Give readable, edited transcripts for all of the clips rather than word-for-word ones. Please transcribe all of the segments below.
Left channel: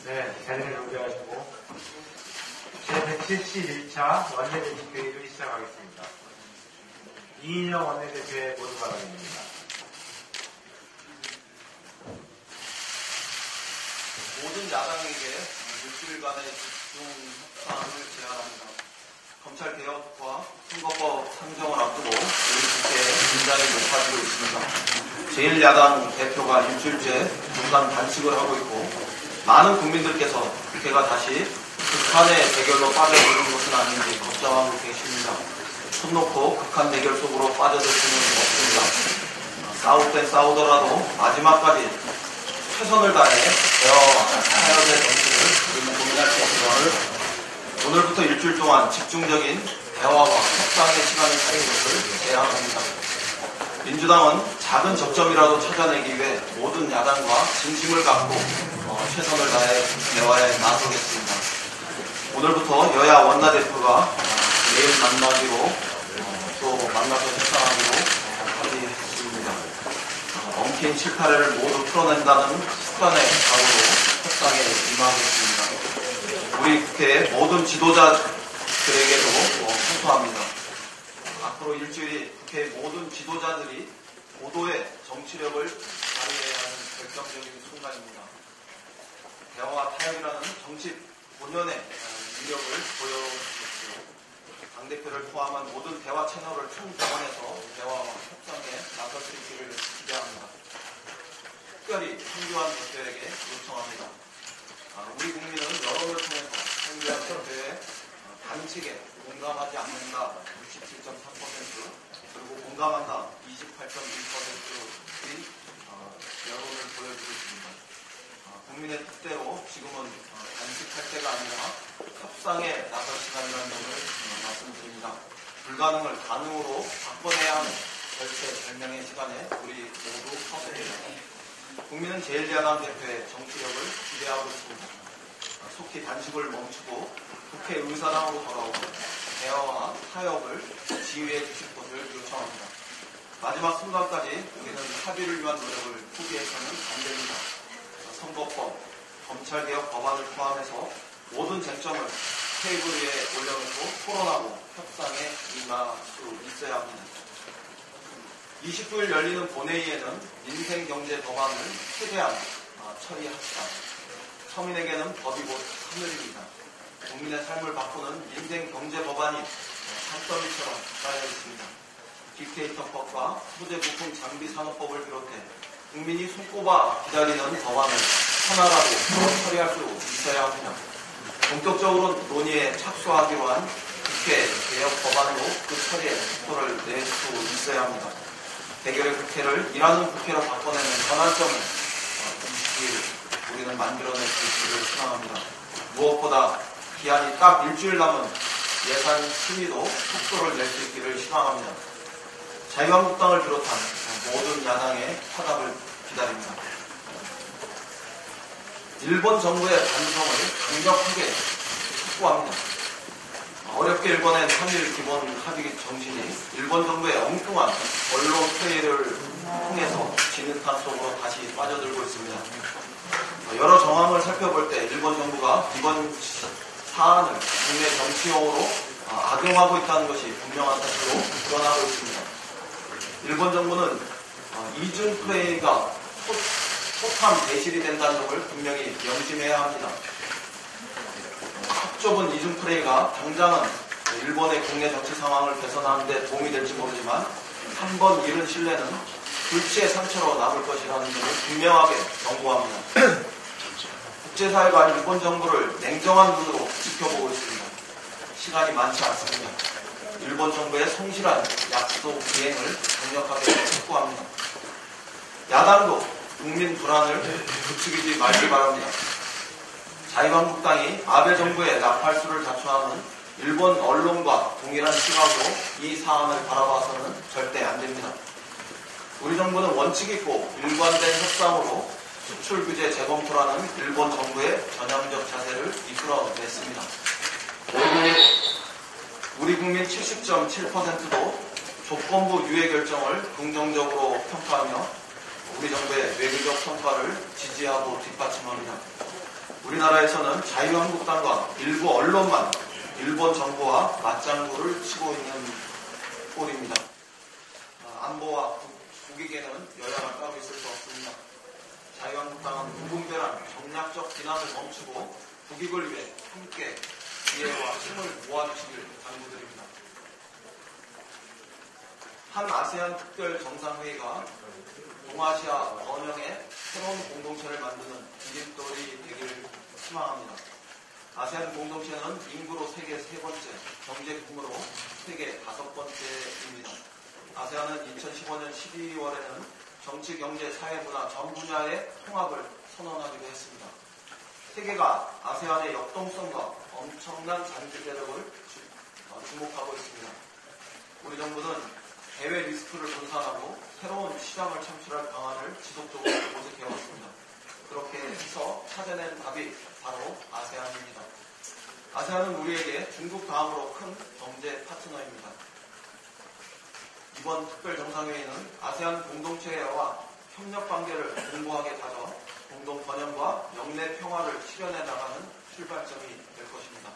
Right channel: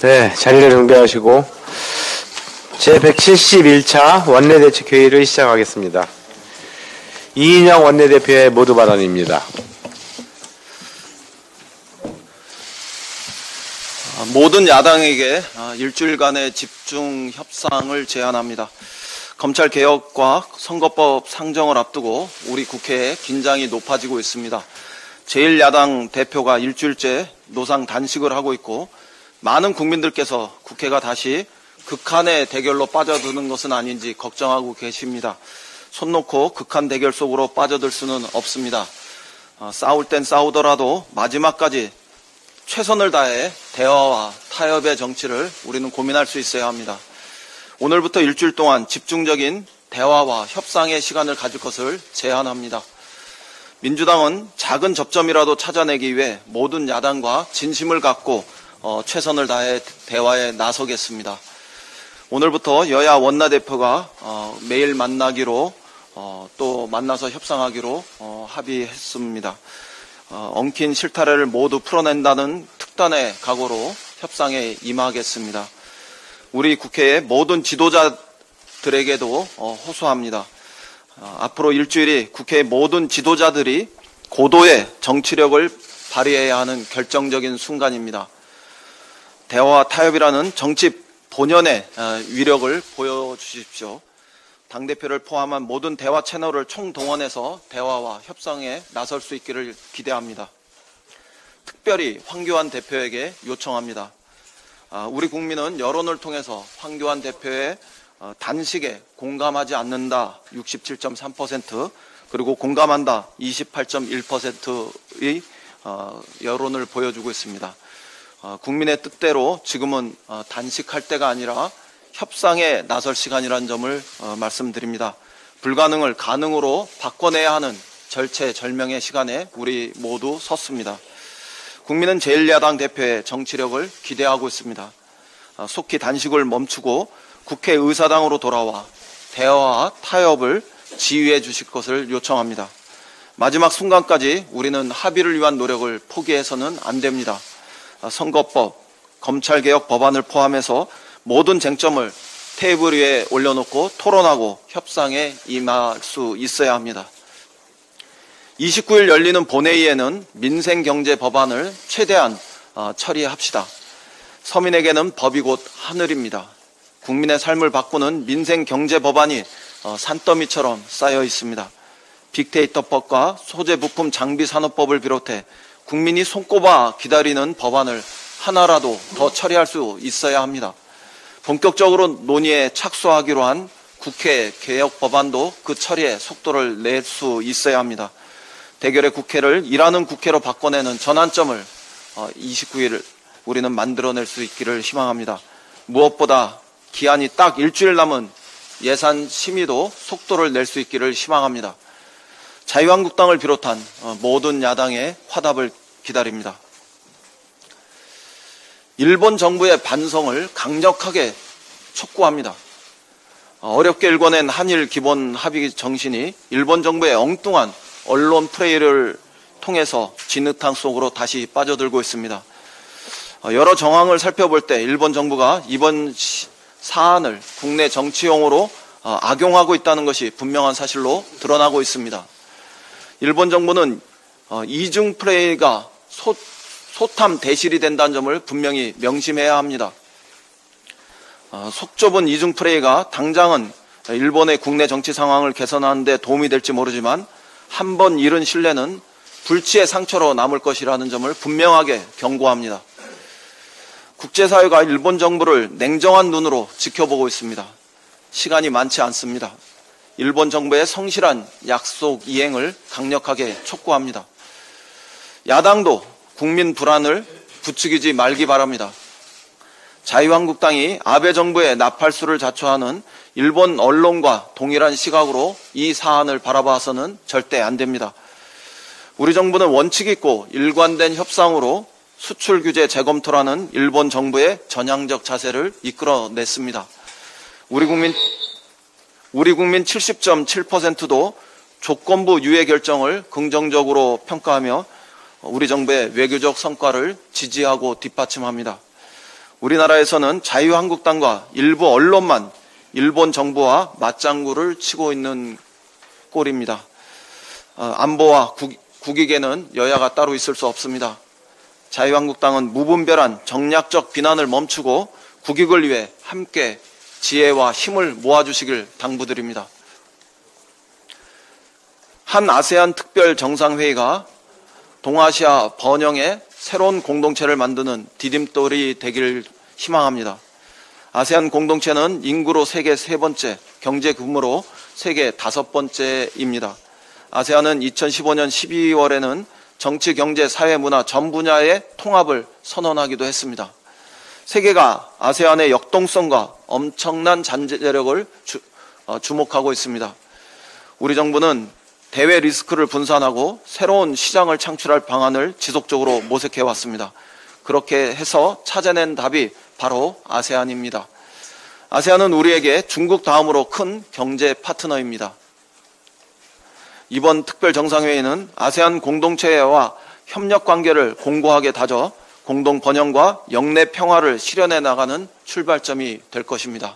네, 자리를 정비하시고 제171차 원내대책회의를 시작하겠습니다. 이인영 원내대표의 모두 발언입니다. 모든 야당에게 일주일간의 집중 협상을 제안합니다. 검찰개혁과 선거법 상정을 앞두고 우리 국회에 긴장이 높아지고 있습니다. 제1야당 대표가 일주일째 노상 단식을 하고 있고 많은 국민들께서 국회가 다시 극한의 대결로 빠져드는 것은 아닌지 걱정하고 계십니다. 손 놓고 극한 대결 속으로 빠져들 수는 없습니다. 싸울 땐 싸우더라도 마지막까지 최선을 다해 대화와 타협의 정치를 우리는 고민할 수 있어야 합니다. 오늘부터 일주일 동안 집중적인 대화와 협상의 시간을 가질 것을 제안합니다. 민주당은 작은 접점이라도 찾아내기 위해 모든 야당과 진심을 갖고 최선을 다해 대화에 나서겠습니다. 오늘부터 여야 원내대표가 매일 만나기로 또 만나서 협상하기로 합의했습니다. 엉킨 실타래를 모두 풀어낸다는 특단의 각오로 협상에 임하겠습니다. 우리 국회의 모든 지도자들에게도 호소합니다. 앞으로 일주일이 국회의 모든 지도자들이 고도의 정치력을 발휘해야 하는 결정적인 순간입니다. 대화와 타협이라는 정치 본연의 위력을 보여주십시오. 당대표를 포함한 모든 대화 채널을 총동원해서 대화와 협상에 나설 수 있기를 기대합니다. 특별히 황교안 대표에게 요청합니다. 우리 국민은 여론을 통해서 황교안 대표의 단식에 공감하지 않는다 67.3% 그리고 공감한다 28.1%의 여론을 보여주고 있습니다. 국민의 뜻대로 지금은 단식할 때가 아니라 협상에 나설 시간이라는 점을 말씀드립니다. 불가능을 가능으로 바꿔내야 하는 절체절명의 시간에 우리 모두 섰습니다. 국민은 제1야당 대표의 정치력을 기대하고 있습니다. 속히 단식을 멈추고 국회의사당으로 돌아와 대화와 타협을 지휘해 주실 것을 요청합니다. 마지막 순간까지 우리는 합의를 위한 노력을 포기해서는 안 됩니다. 선거법, 검찰개혁 법안을 포함해서 모든 쟁점을 테이블 위에 올려놓고 토론하고 협상에 임할 수 있어야 합니다. 29일 열리는 본회의에는 민생경제 법안을 최대한 처리합시다. 서민에게는 법이 곧 하늘입니다. 국민의 삶을 바꾸는 민생경제 법안이 산더미처럼 쌓여 있습니다. 빅데이터법과 소재부품 장비산업법을 비롯해 국민이 손꼽아 기다리는 법안을 하나라도 더 처리할 수 있어야 합니다. 본격적으로 논의에 착수하기로 한 국회 개혁 법안도 그 처리에 속도를 낼 수 있어야 합니다. 대결의 국회를 일하는 국회로 바꿔내는 전환점을 29일 우리는 만들어낼 수 있기를 희망합니다. 무엇보다 기한이 딱 일주일 남은 예산 심의도 속도를 낼 수 있기를 희망합니다. 자유한국당을 비롯한 모든 야당의 화답을 기다립니다. 일본 정부의 반성을 강력하게 촉구합니다. 어렵게 일궈낸 한일 기본 합의 정신이 일본 정부의 엉뚱한 언론 플레이를 통해서 진흙탕 속으로 다시 빠져들고 있습니다. 여러 정황을 살펴볼 때 일본 정부가 이번 사안을 국내 정치용으로 악용하고 있다는 것이 분명한 사실로 드러나고 있습니다. 일본 정부는 이중 플레이가 소탐 대실이 된다는 점을 분명히 명심해야 합니다. 속 좁은 이중 플레이가 당장은 일본의 국내 정치 상황을 개선하는 데 도움이 될지 모르지만 한 번 잃은 신뢰는 불치의 상처로 남을 것이라는 점을 분명하게 경고합니다. 국제사회가 일본 정부를 냉정한 눈으로 지켜보고 있습니다. 시간이 많지 않습니다. 일본 정부의 성실한 약속 이행을 강력하게 촉구합니다. 야당도 국민 불안을 부추기지 말기 바랍니다. 자유한국당이 아베 정부의 나팔수를 자초하는 일본 언론과 동일한 시각으로 이 사안을 바라봐서는 절대 안 됩니다. 우리 정부는 원칙 있고 일관된 협상으로 수출 규제 재검토라는 일본 정부의 전향적 자세를 이끌어냈습니다. 우리 국민 70.7%도 조건부 유예 결정을 긍정적으로 평가하며 우리 정부의 외교적 성과를 지지하고 뒷받침합니다. 우리나라에서는 자유한국당과 일부 언론만 일본 정부와 맞장구를 치고 있는 꼴입니다. 안보와 국익에는 여야가 따로 있을 수 없습니다. 자유한국당은 무분별한 정략적 비난을 멈추고 국익을 위해 함께 지혜와 힘을 모아주시길 당부드립니다. 한 아세안 특별 정상회의가 동아시아 번영의 새로운 공동체를 만드는 디딤돌이 되길 희망합니다. 아세안 공동체는 인구로 세계 세 번째, 경제 규모로 세계 다섯 번째입니다. 아세안은 2015년 12월에는 정치, 경제, 사회, 문화 전 분야의 통합을 선언하기도 했습니다. 세계가 아세안의 역동성과 엄청난 잠재력을 주목하고 있습니다. 우리 정부는 대외 리스크를 분산하고 새로운 시장을 창출할 방안을 지속적으로 모색해 왔습니다. 그렇게 해서 찾아낸 답이 바로 아세안입니다. 아세안은 우리에게 중국 다음으로 큰 경제 파트너입니다. 이번 특별 정상회의는 아세안 공동체와 협력 관계를 공고하게 다져 공동 번영과 영내 평화를 실현해 나가는 출발점이 될 것입니다.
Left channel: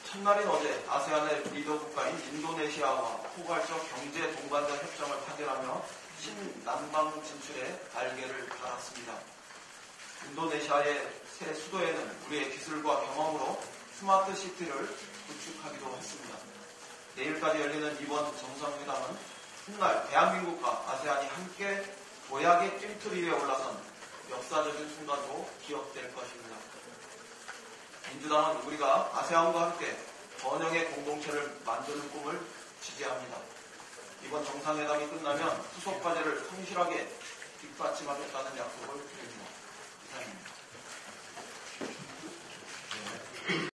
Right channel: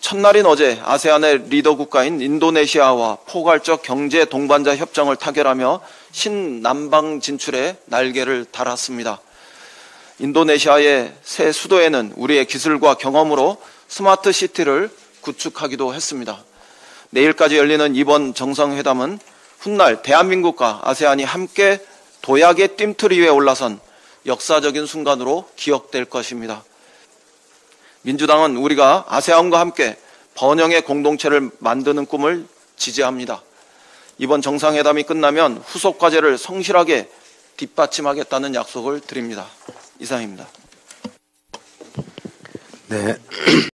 첫날인 어제 아세안의 리더 국가인 인도네시아와 포괄적 경제 동반자 협정을 타결하며 신남방 진출에 날개를 달았습니다. 인도네시아의 새 수도에는 우리의 기술과 경험으로 스마트 시티를 구축하기도 했습니다. 내일까지 열리는 이번 정상회담은 훗날 대한민국과 아세안이 함께 도약의 뜀틀 위에 올라선 역사적인 순간으로 기억될 것입니다. 민주당은 우리가 아세안과 함께 번영의 공동체를 만드는 꿈을 지지합니다. 이번 정상회담이 끝나면 후속 과제를 성실하게 뒷받침하겠다는 약속을 드립니다. 이상입니다. 네.